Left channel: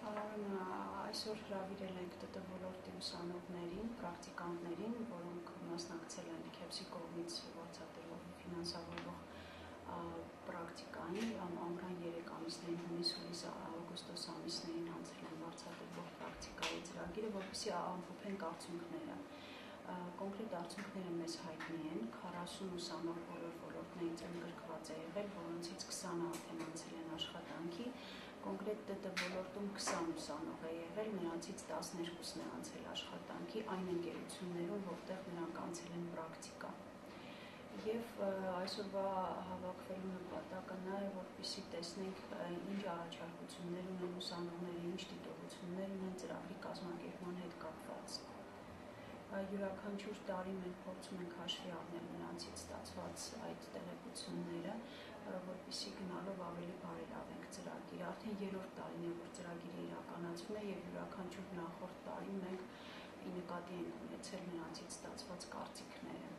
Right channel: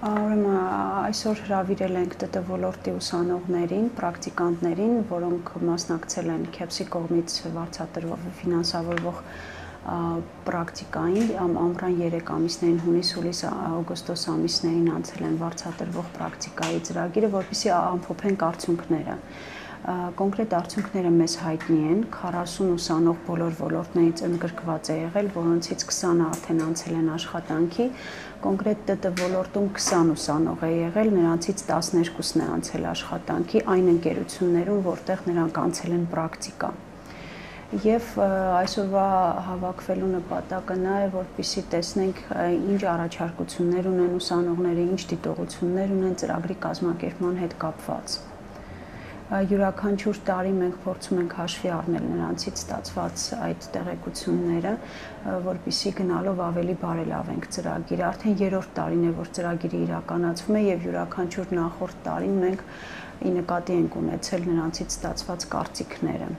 Ուրեմն այսօր հրավիրել ենք ՏՏ ոլորտի ուսանողներին, պրակտիկանտներին, որոնք մասնակցել են KEPS-ի կողմից վարձատրվող ֆինանսավորվող պրակտիկային, ամռան 3 ամիսներին, հունիս, հուլիս, օգոստոս ամիսներին անցել են վարձատրվող պրակտիկայի ծրագիրը, որպեսզի ամփոփենք արդյունքները։ Կոնկրետ արդյունքները մեզ հայտնի են, 40 ուսանող բոլոր ոլորտներից ընդգրկված է եղել, որոնցից 20-ը արդեն անցել են աշխատանքի, կոնկրետ ՏՏ ոլորտում 20 ուսանող է եղել, նրանցից 12-ն է անցել աշխատանքի այն ընկերություններում, որտեղ նրանք անցել են պրակտիկա։ Եվ այսօրվա հավաքվելու նպատակը նա է, որպեսզի տեսնենք ինչ առաջարկություններ ունեն ուսանողները, ինչ դիտողություններ ունեն ծրագրի կազմակերպման հետ կապված։ Յուրաքանչյուր տարի մենք փորձում ենք հաշվի առնել նրանցից ստացված այդ տեղեկությունները, որպեսզի գնալով ավելի բարելավենք ծրագիրը։ Արդեն 3-րդ տարին է, որ ծրագիրը իրականացվում է եւ յուրաքանչյուր նախորդ տարին մենք ի նկատի ենք ունեցել նրանցից ստացված կարծիքները։